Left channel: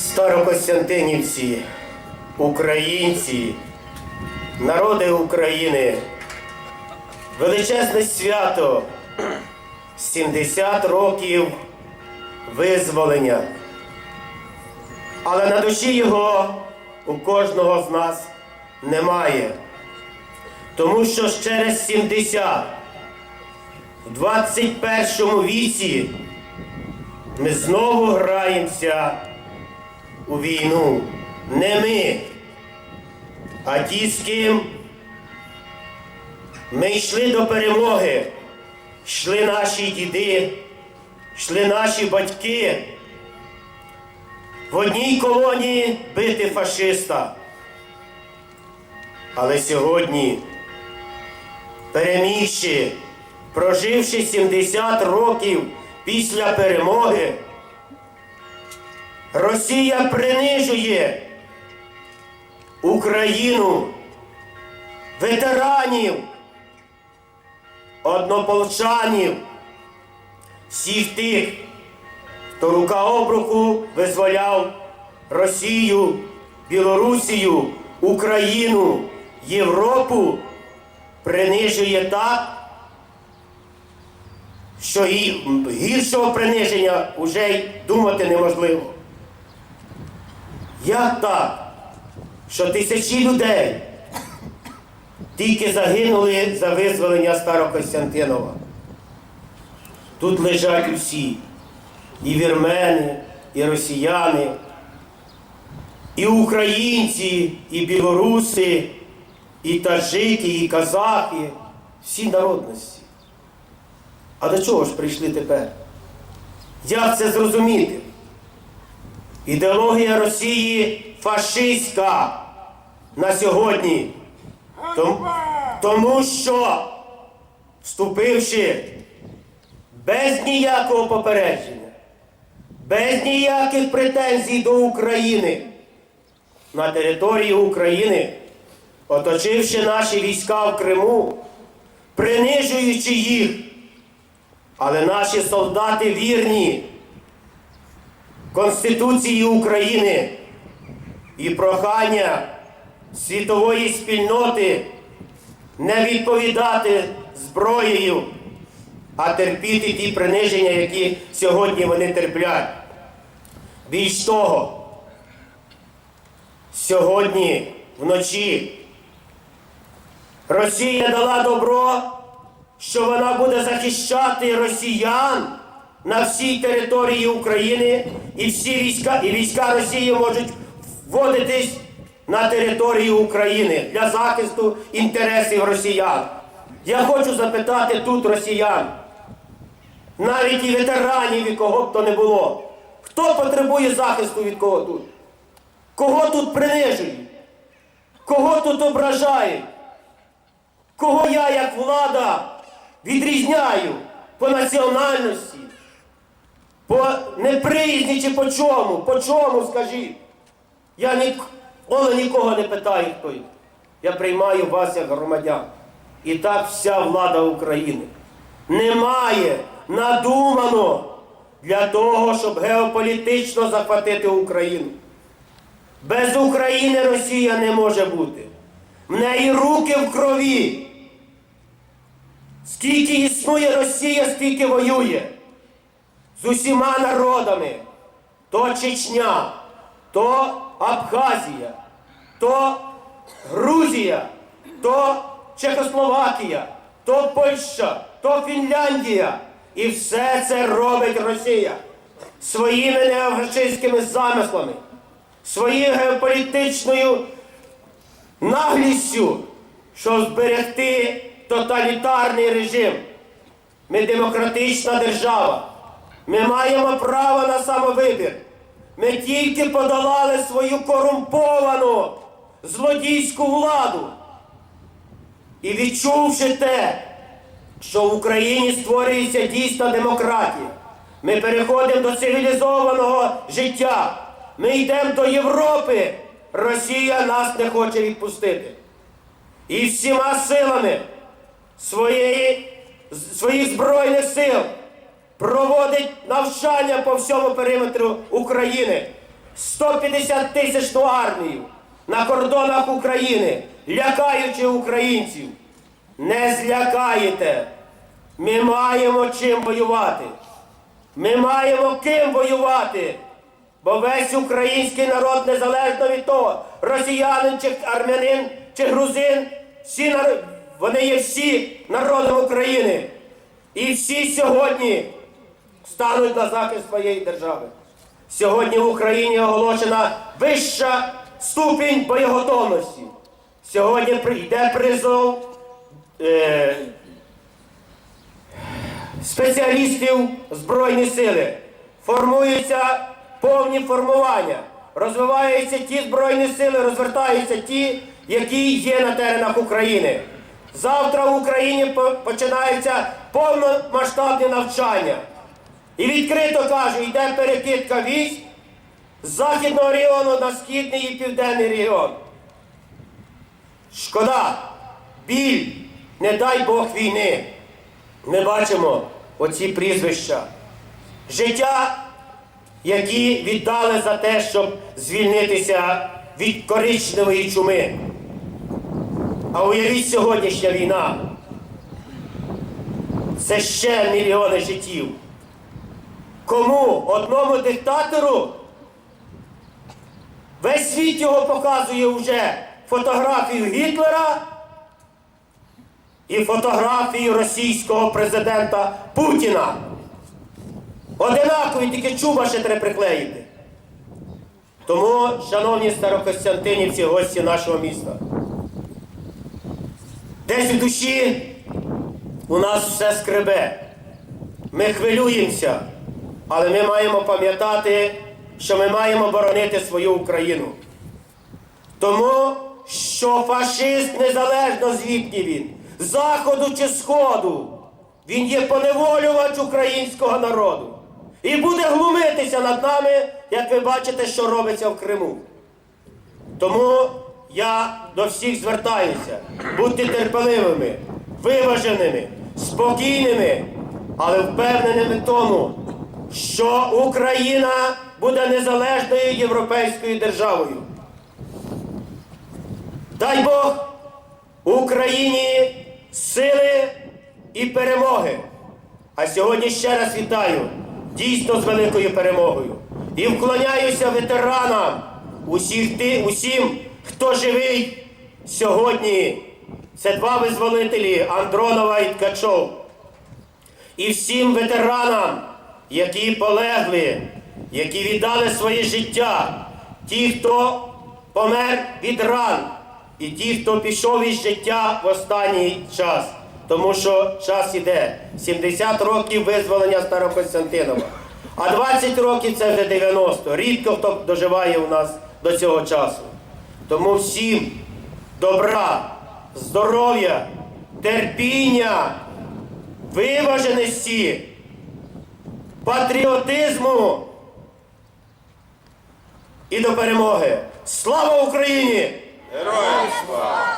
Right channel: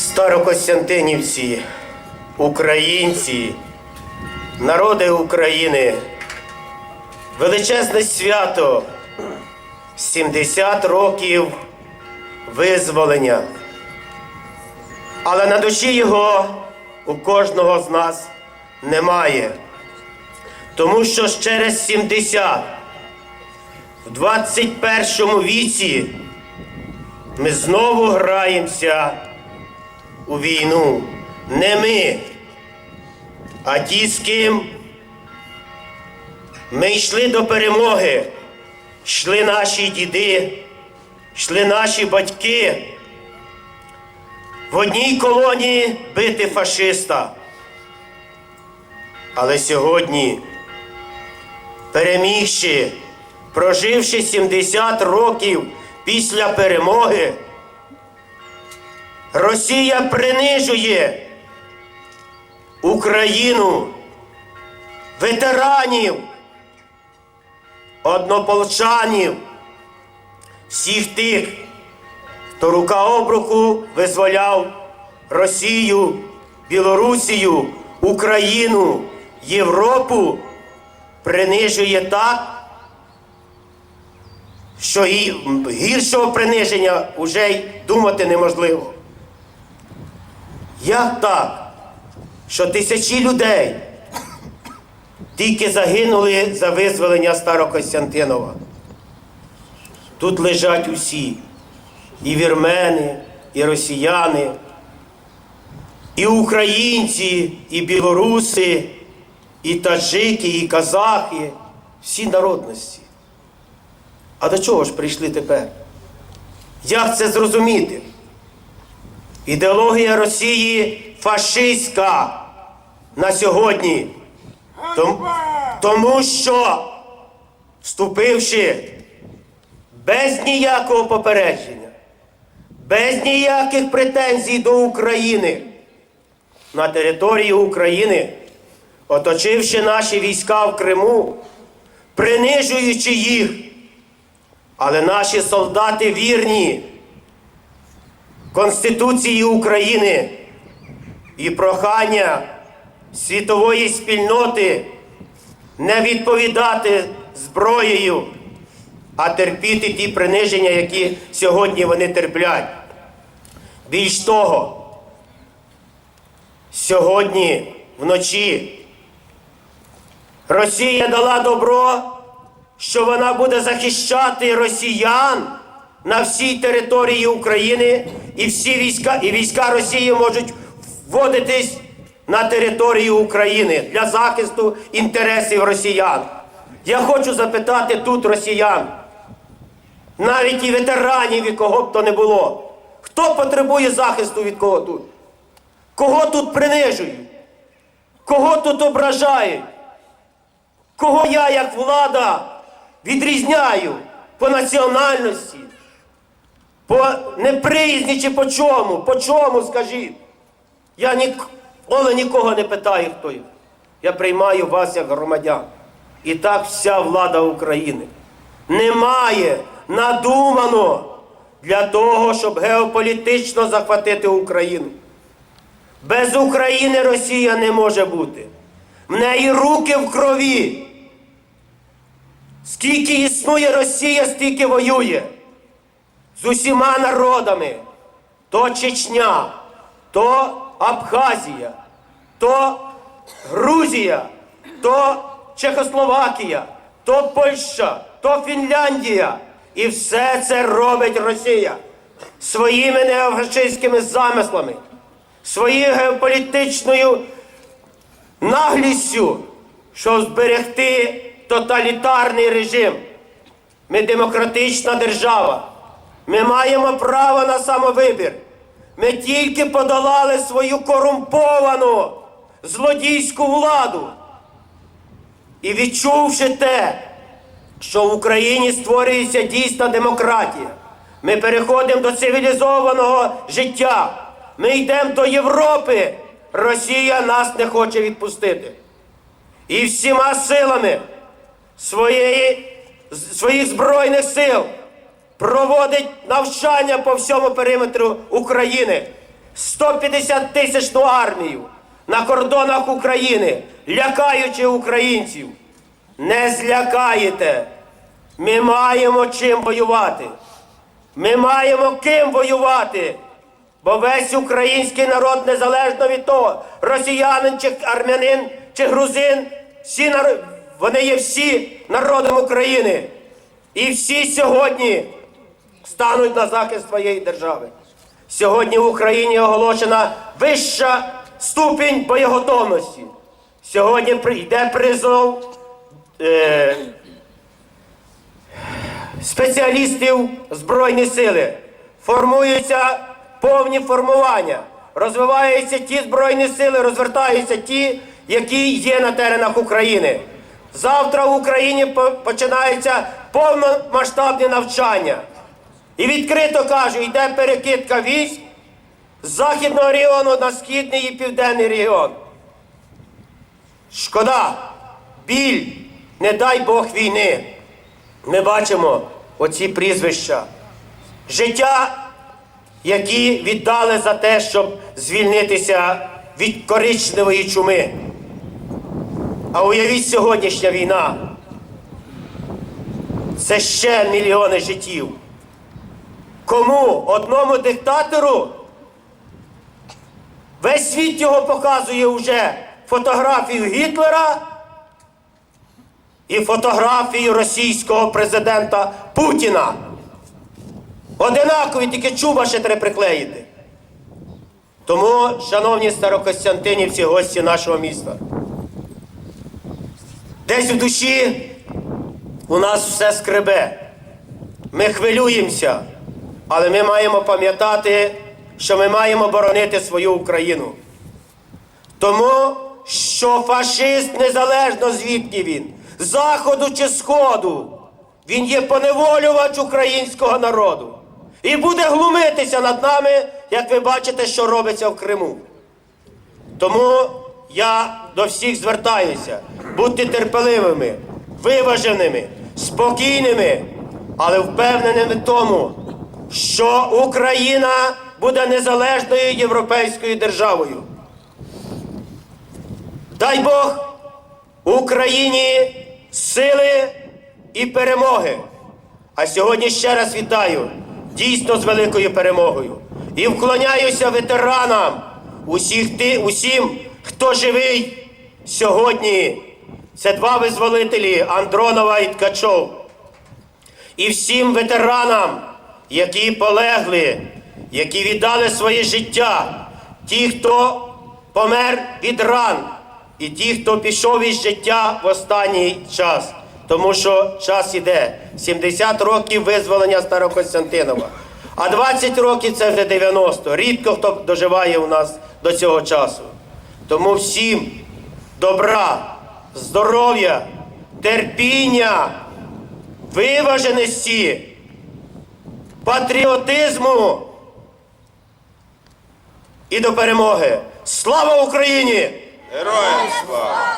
Старокостянтинівці, українці, народи України, величезне свято 70 років визволення. Але на душі його у кожного з нас немає. Тому що через 70 в 21 віці ми знову граємося у війну. Не ми, а ті, з ким ми йшли до перемоги, йшли наші діди, йшли наші батьки в одній колонії бити фашиста. Але сьогодні, перемігши, проживши 70 років після перемоги, Росія принижує Україну, ветеранів, однополчанів, всіх тих, хто рука об руку визволяв Росію, Білорусію, Україну, Європу, принижує так, що гіршого приниження вже й думати неможливо. Як так, що тисячі людей тільки загинули за визволення Старокостянтинова? Тут лежать усі, і вірмени, і росіяни, і українці, і білоруси, і таджики, і казахи, всі народності. А до чого ж прийшли тепер? Як це зрозуміти? Ідеологія Росії фашистська на сьогодні. Тому що, вступивши без ніякого попередження, без ніяких претензій до України на території України, оточивши наші війська в Криму, принижуючи їх, але наші солдати вірні Конституції України і прохання світової спільноти не відповідати зброєю, а терпіти ті приниження, які сьогодні вони терплять. Більш того, сьогодні вночі Росія дала добро, що вона буде захищати росіян на всій території України, і всі війська, і війська Росії можуть вводитись на територію України для захисту інтересів росіян. Я хочу запитати тут росіян, навіть і ветеранів, і кого б то не було. Хто потребує захисту від кого тут? Кого тут принижують? Кого тут ображають? Кого я, як влада, відрізняю по національності, по неприязні чи по чому? По чому, скажіть? Я ніколи нікого не питаю, хто я. Я приймаю вас як громадян. І так вся влада України. Немає надумано для того, щоб геополітично захватити Україну. Без України Росія не може бути. В неї руки в крові. Скільки існує Росія, стільки воює з усіма народами. То Чечня, то Абхазія, то Грузія, то Чехословакія, то Польща, то Фінляндія. І все це робить Росія своїми неофашистськими замислами, своєю геополітичною наглістю, щоб зберегти тоталітарний режим. Ми демократична держава. Ми маємо право на самовибір. Ми тільки подолали свою корумповану злодійську владу. І відчувши те, що в Україні створюється дійсна демократія, ми переходимо до цивілізованого життя. Ми йдемо до Європи. Росія нас не хоче відпустити. І всіма силами своєї, своїх збройних сил проводить навчання по всьому периметру України. 150 тисячну армію на кордонах України, лякаючи українців. Не злякаєте. Ми маємо чим воювати. Ми маємо ким воювати. Бо весь український народ, незалежно від того, росіянин чи армянин чи грузин, всі вони є всі народом України. І всі сьогодні стануть на захист своєї держави. Сьогодні в Україні оголошена вища ступінь боєготовності. Сьогодні прийде призов е, спеціалістів Збройні сили. Формуються повні формування. Розвиваються ті Збройні сили, розвертаються ті, які є на теренах України. Завтра в Україні починаються повномасштабні навчання. І відкрито кажу, йде перекидка військ з західного регіону на східний і південний регіон. Шкода, біль, не дай Бог війни. Ми бачимо оці прізвища. Життя, які віддали за те, щоб звільнитися від коричневої чуми. А уявіть сьогоднішня війна. Це ще мільйони життів. Кому? Одному диктатору? Весь світ його показує вже фотографію Гітлера і фотографію російського президента Путіна. Одинакові, тільки чуба ще треба приклеїти. Тому, шановні старокостянтинівці, гості нашого міста, десь в душі у нас все скребе. Ми хвилюємося, але ми маємо пам'ятати, що ми маємо боронити свою Україну. Тому що фашист, незалежно звідки він, заходу чи сходу, він є поневолювач українського народу. І буде глумитися над нами, як ви бачите, що робиться в Криму. Тому я до всіх звертаюся, будьте терпеливими, виваженими, спокійними, але впевненими в тому, що Україна буде незалежною європейською державою. Дай Бог Україні сили і перемоги. А сьогодні ще раз вітаю дійсно з великою перемогою. І вклоняюся ветеранам, усіх ти, усім, хто живий сьогодні. Це два визволителі Андронова і Ткачов. І всім ветеранам, які полегли, які віддали своє життя, ті, хто помер від ран, і ті, хто пішов із життя в останній час. Тому що час іде. 70 років визволення Старокостянтинова. А 20 років це вже 90. Рідко хто доживає у нас до цього часу. Тому всім добра, здоров'я, терпіння, виваженості, патріотизму і до перемоги. Слава Україні! Героям слава!